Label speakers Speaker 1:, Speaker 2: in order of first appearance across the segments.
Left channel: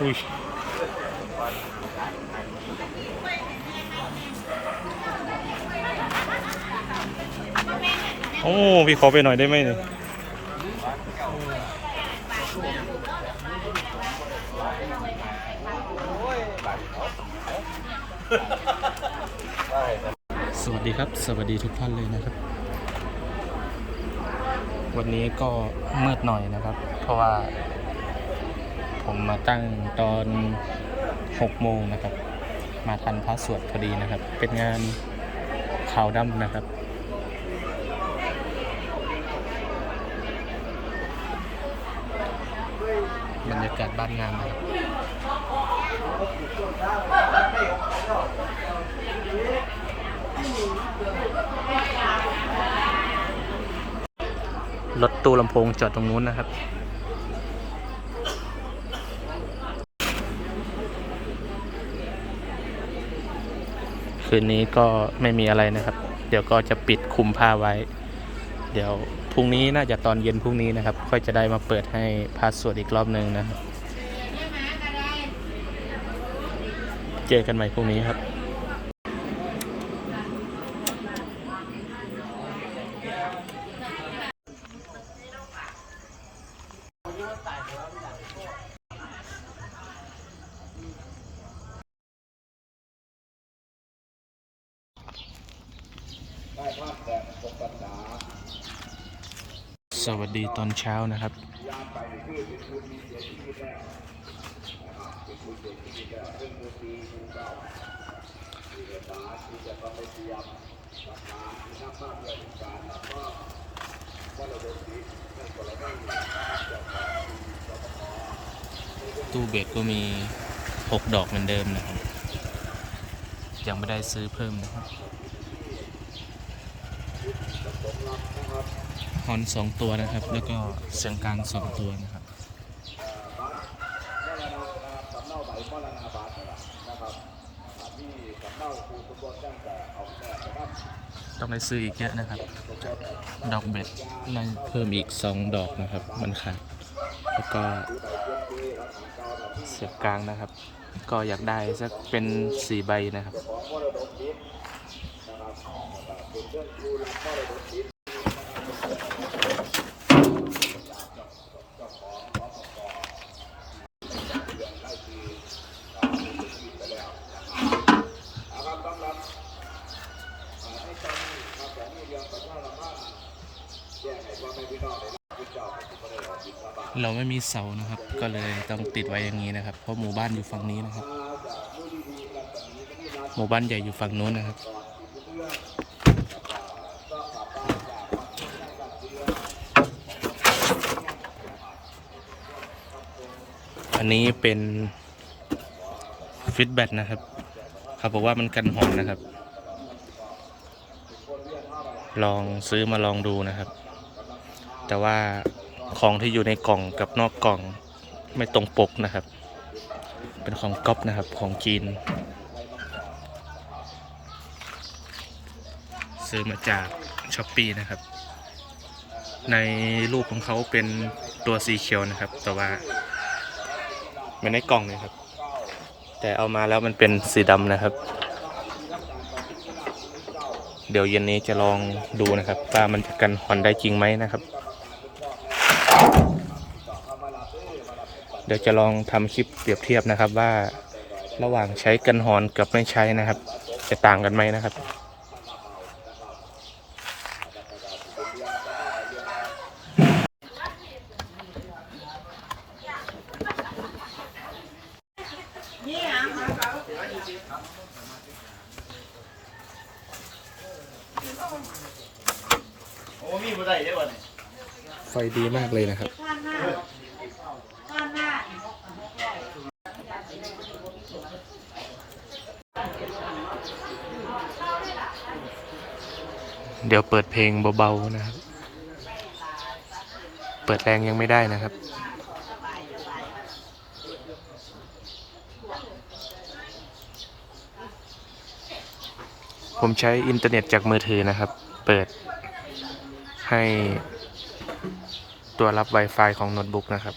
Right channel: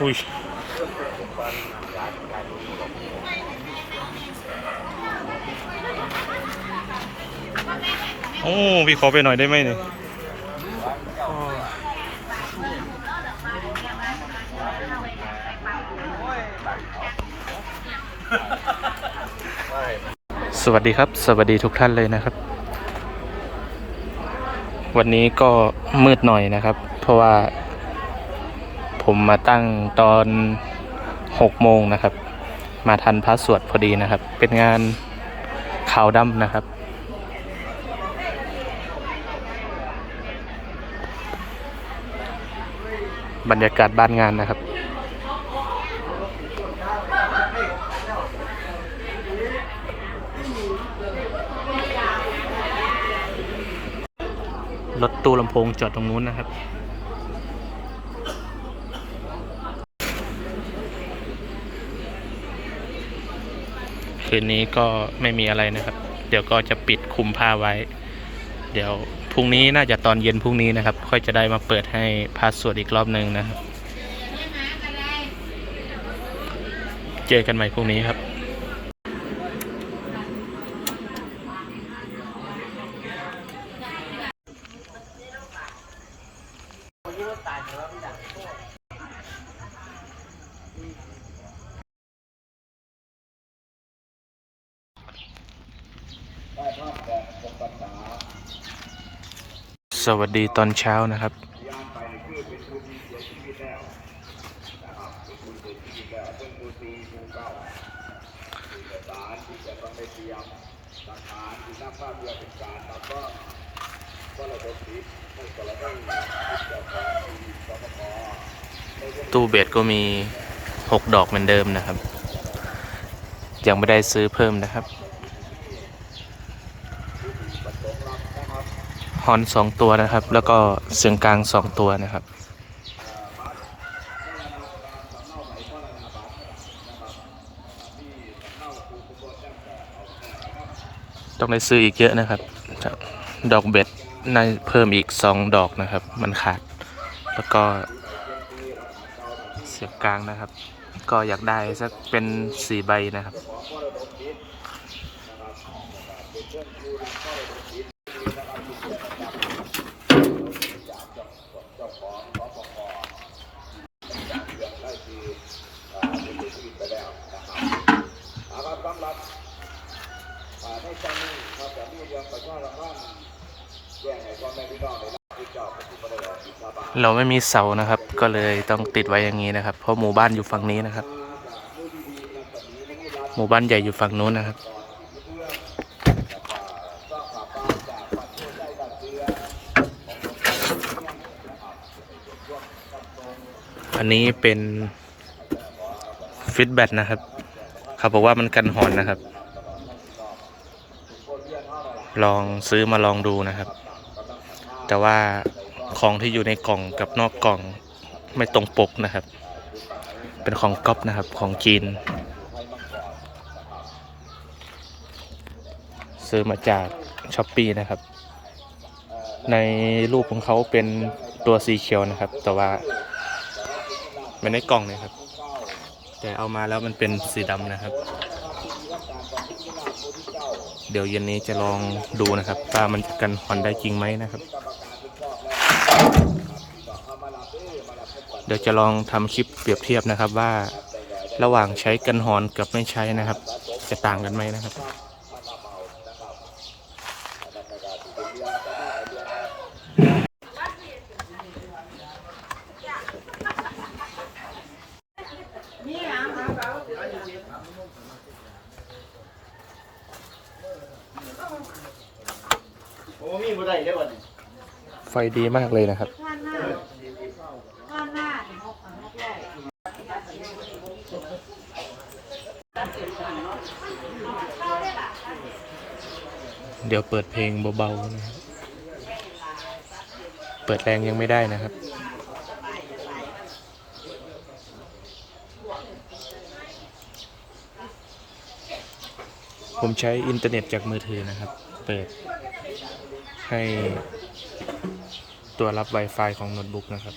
Speaker 1: อุ้ยโอ้พี่ขอไปหน่อยได้ไหมเนี่ย สวัสดีครับ สวัสดีทุกท่านเลยนะครับ วันนี้ก็มืดหน่อยนะครับ เพราะว่า ผมมาตั้งตอน6โมงนะครับ มาทันพระสวดพอดีนะครับ เป็นงานขาวดำนะครับ บรรยากาศบ้านงานนะครับ รถตู้ลำโพงจอดตรงนู้นนะครับคืนนี้ก็ไม่มีอะไรนะครับ เดี๋ยวก็จะปิดคุมผ้าไว้ เดี๋ยวพรุ่งนี้น่าจะตอนเย็นพรุ่งนี้นะครับ ค่อยจะได้มาเปิดให้พาสวดอีกรอบหนึ่งนะครับ เจอกันใหม่พรุ่งนี้ครับ สวัสดีตอนเช้านะครับ ตู้เบสก็มี 6 ดอกเหมือนเดิมนะครับ ยังไม่ได้ซื้อเพิ่มนะครับ ฮอนสองตัวนะครับ แล้วก็เสียงกลางสองตัวนะครับ ต้องได้ซื้ออีกเยอะนะครับ ดอกเบ็ดในเพิ่มอีกสองดอกนะครับ มันขาด แล้วก็เสียงกลางนะครับ ก็อยากได้สักเป็นสี่ใบนะครับ เราไม่มีเสานะครับ ก็เลยต้องติดไว้อย่างนี้นะครับ เพราะหมู่บ้านอยู่ฝั่งนี้นะครับ หมู่บ้านใหญ่อยู่ฝั่งนู้นนะครับ อันนี้เป็นฟิตแบตนะครับ เขาบอกว่ามันกันหอนนะครับ ลองซื้อมาลองดูนะครับ แต่ว่าของที่อยู่ในกล่องกับนอกกล่องไม่ตรงปกนะครับ เป็นของก๊อปนะครับของจีน ซื้อมาจากช้อปปีนะครับ ในรูปของเขาเป็นตัวสีเขียวนะครับ แต่ว่าไม่ในกล่องเลยครับ แต่เอามาแล้วมันเป็นสีดำนะครับ เดี๋ยวเย็นนี้จะลองดูนะครับว่ามันจะกันหอนได้จริงไหมนะครับ เดี๋ยวจะลองทำคลิปเปรียบเทียบนะครับว่าระหว่างใช้กันหอนกับไม่ใช้นะครับ จะต่างกันไหมนะครับ
Speaker 2: โอ้มีบ่ได้ได้บ่เนี่ย
Speaker 1: ไฟดีมากเลยนะครับ เดี๋ยวเปิดเพลงเบาๆนะครับ เปิดแรงยังไม่ได้นะครับผมใช้อินเทอร์เน็ตจากมือถือนะครับ เปิดให้ ตัวรับ Wi-Fi ของโน้ตบุ๊กนะครับ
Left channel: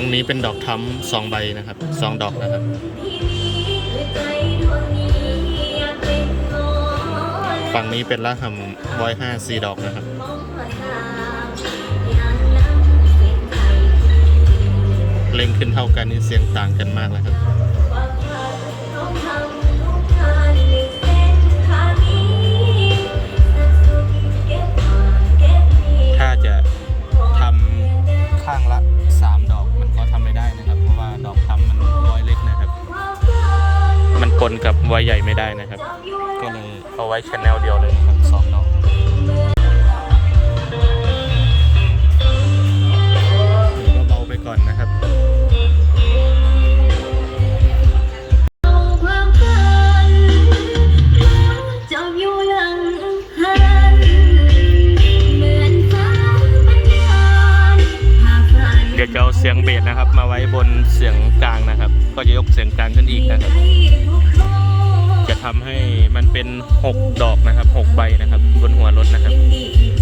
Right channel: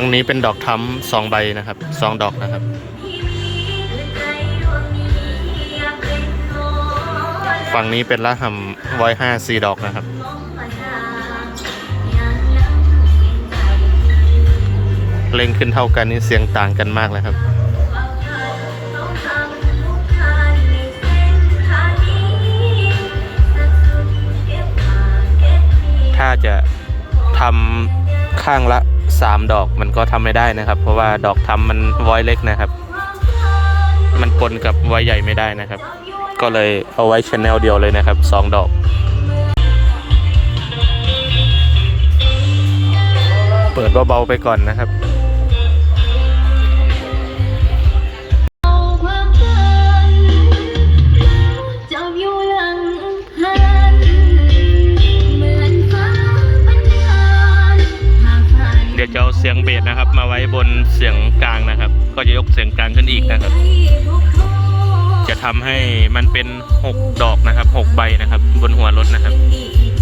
Speaker 1: ฝั่งนี้เป็นดอกทั้มสองใบนะครับสองดอกนะครับ ฝั่งนี้เป็นละหำร้อยห้าสี่ดอกนะครับ เล่งขึ้นเท่ากันนี่เสียงต่างกันมากเลยครับถ้าจะทำข้างละ 3 ดอกมันก็ทำไม่ได้นะครับ เพราะว่าดอกทำมันวอยเล็กนะครับ มันปนกับไว้ใหญ่ไม่ได้นะครับ ก็เลยเอาไว้ชแนลเดียวเลยนะครับ 2 ดอกเปิดเบาๆไปก่อนนะครับ
Speaker 3: เสี
Speaker 1: ยงเบสนะครับ มาไว้บนเสียงกลางนะครับ ก็จะยกเสียงกลางขึ้นอีกนะครับ จะทำให้มันเป็น 6 ดอกนะครับ 6 ใบนะครับ บนหัวรถนะครับ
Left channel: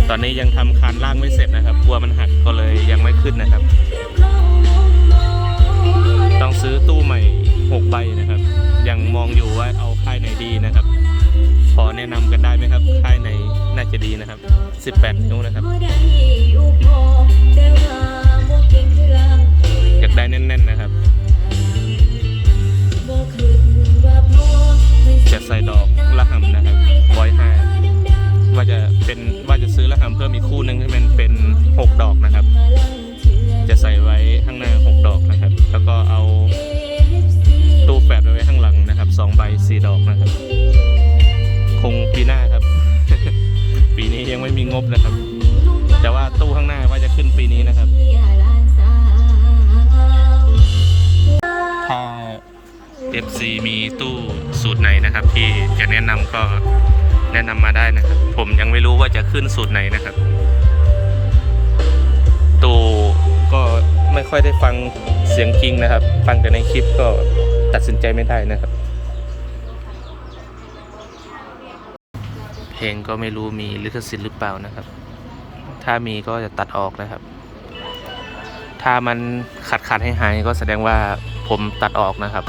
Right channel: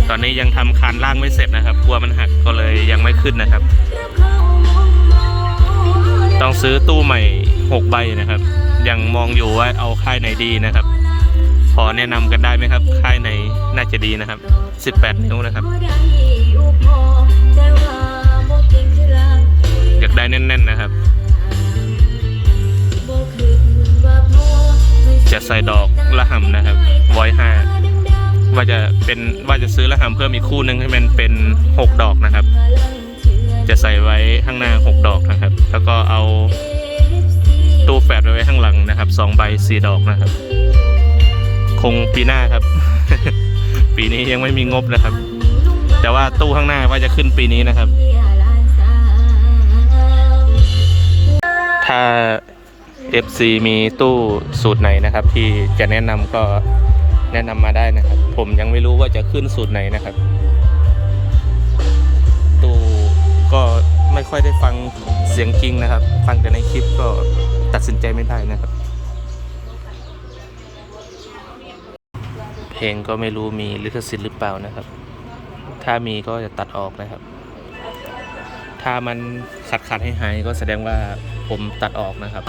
Speaker 1: ตอนนี้ยังทำคานล่างไม่เสร็จนะครับกลัวมันหักก็เลยยังไม่ขึ้นนะครับ ต้องซื้อตู้ใหม่ 6 ใบนะครับ ยังมองอยู่ว่าเอาค่ายไหนดีนะครับพอแนะนำกันได้ไหมครับ ค่ายไหนน่าจะดีนะครับ 18 นิ้วนะครับ ได้แน่น ๆ นะครับ จะใส่ดอกละหำนะครับร้อยห้าว่าจะเป็นว่าจะซื้อละหำเพิ่มอีกคู่หนึ่งให้มันเป็น 6 ดอกนะครับ จะใส่ไว้ข้างหน้า 6 ดอกนะครับ แล้วก็เอาตู้แฟดไว้ข้างหลังนะครับสองใบสี่ดอกนะครับ คงปีหน้าครับ ปีนี้ยังไม่มีงบนะครับ แต่ว่าตู้ข้างหน้าว่าจะขึ้นปีนี้นะครับ FC มีตู้สูตรไหนนะครับ ที่จะแนะนำก็แนะนำมาได้นะครับ ผมยังไม่รู้ว่าจะขึ้นสูตรไหนนะครับ ตู้ก็ไม่ค่อยได้ฟังเสียงจริงนะครับ ฟังแต่ในคลิปก็ตัดสินใจไม่ได้นะครับ เพลงก็ไม่รู้มีลิขสิทธิ์หรือเปล่านะครับ ถ้ามีก็จะตัดออกนะครับ ถ้ามันขัดขัดให้หายก็แสดงว่าผมตัดออกนะครับ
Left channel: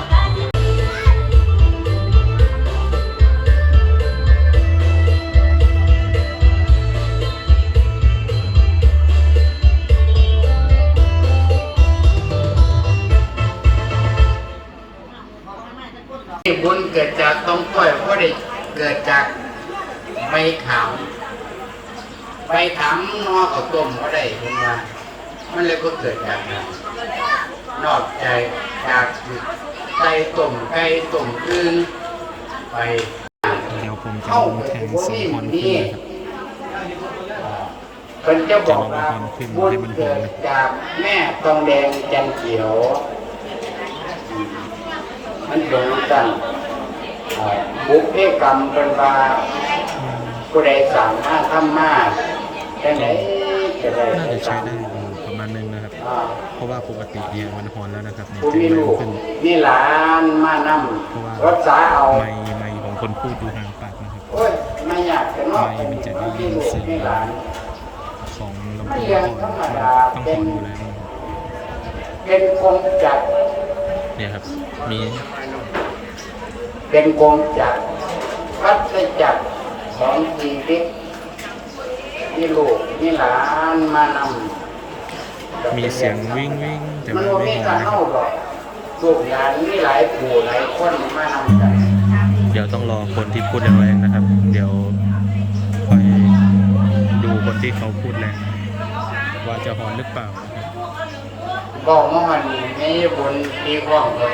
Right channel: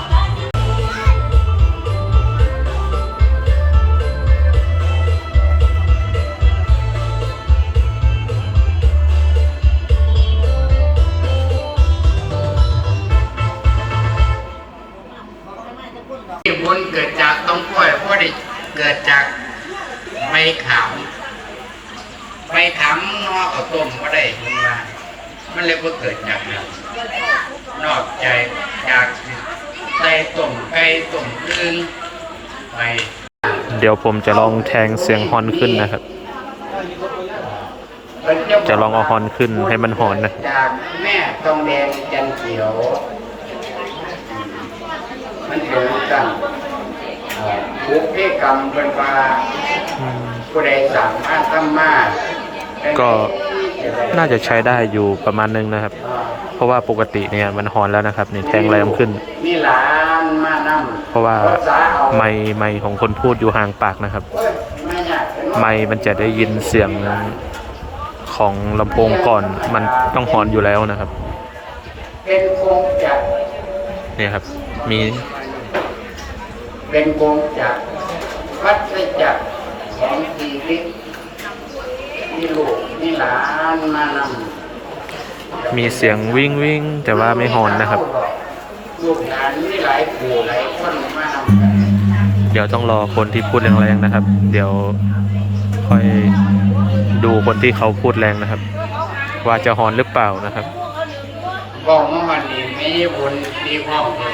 Speaker 4: จากเนี่ยนอกใจจากใจต้มไก่ต้มอึ่งไป
Speaker 1: เดี๋ยวผมจะลองแทงเสียงฮอนขึ้นนะครับ จะลองเอาฮอนขึ้นให้มันหอนนะครับ
Speaker 4: จากแม่ทองแดงจันเขียว มันเป็นกันบุกเพกรรมเป็นว่าผู้ใดสามารถทำมา
Speaker 1: ก็ น่าจะใช้ได้อยู่ประมาณนึงนะครับ เพราะว่าปกติเนี่ยมันฮอนแล้วนะครับนี่แทงแรงขึ้น
Speaker 4: มีหลานมานำ
Speaker 1: เพราะว่าไมค์ไมค์ของคนพูดอยู่ห่างปากนะครับ
Speaker 4: ไม่อยากจะนอน
Speaker 1: ไมค์มันจะได้ยินเสียงของลำโพงก่อนมันต้องฮอนอยู่แล้วนะครับ
Speaker 4: เป็นคงจะ
Speaker 1: เนี่ยครับมี
Speaker 4: เป็นคงจักวัฏจักรของชีวิต มีลูกมีหลานมานำ
Speaker 1: มีเสียงวิ่งวิ่งแต่ว่าไม่ฮอนนะครับ
Speaker 4: ลูกหลานมีหลายผู้หลายคนมานำกัน
Speaker 1: เดี๋ยวต้องรอคนที่พูดแรงๆนะครับ เดี๋ยวค่อยดูคนที่เขาพูดแรงนะครับ ว่าจะฮอนหรือเปล่านะครับ
Speaker 4: บอกว่ามันมีมีผลดีข้องเลย